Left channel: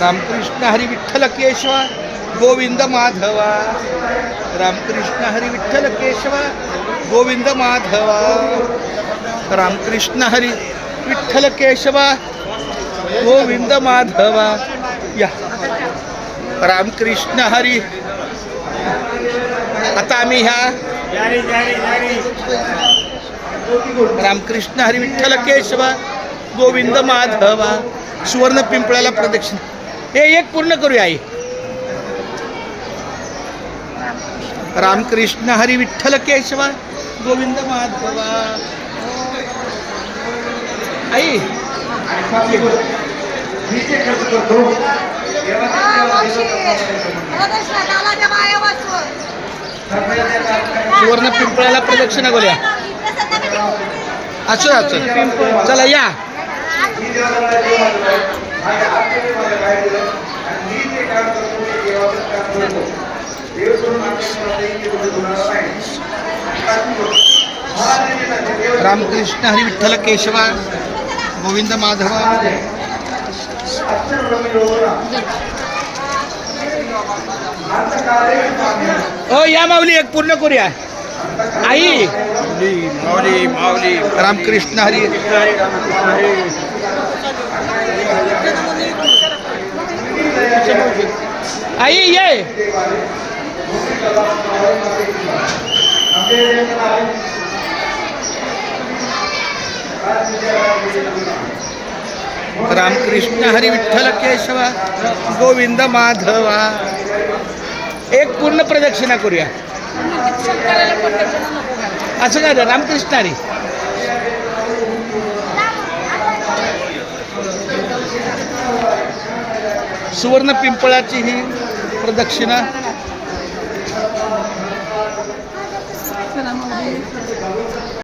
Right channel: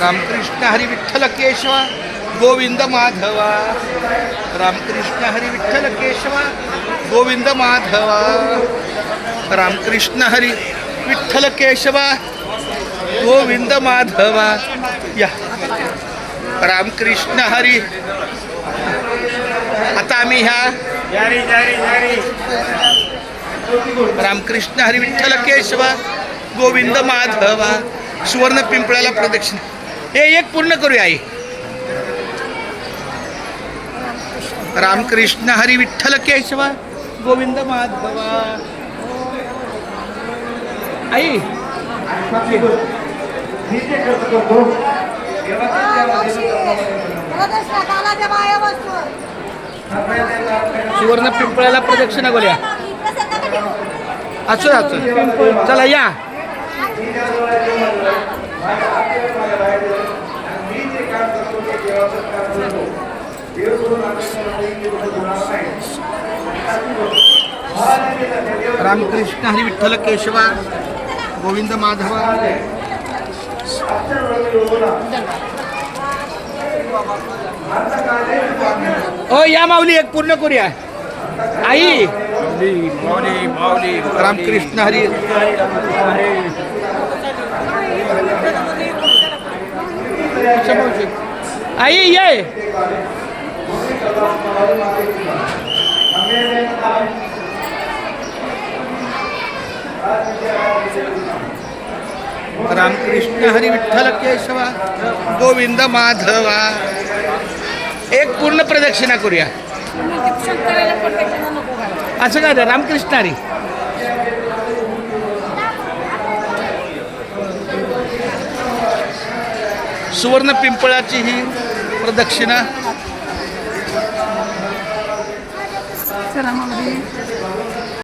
रामकृष्ण हरी विठ्ठल केशवा गोविंद माधवा. रामकृष्ण हरी विठ्ठल केशवा गोविंद माधवा. रामकृष्ण हरी विठ्ठल केशवा गोविंद माधवा. या रामकृष्ण हरी. आता आम्ही ह्या रामकृष्ण हरी विठ्ठल केशवा गोविंद माधवा सुवर्ण पिंपळाला प्रदक्षिणा. हे एक पूर्ण करूया आई. रामकृष्ण हरी विठ्ठल केशवा गोविंद माधवा. आई सुवर्ण पिंपळाला प्रदक्षिणा करूया. असं असं चला या. रामकृष्ण हरी विठ्ठल केशवा गोविंद माधवा. ओ या माऊली एक पूर्ण करूया. आई माऊली माऊली रामकृष्ण हरी. आई ये. रामकृष्ण हरी विठ्ठल केशवा गोविंद माधवा. एक पूर्ण प्रदक्षिणा करूया. असं काय रामकृष्ण हरी. सुवर्ण पिंपळाची ही प्रदक्षिणा.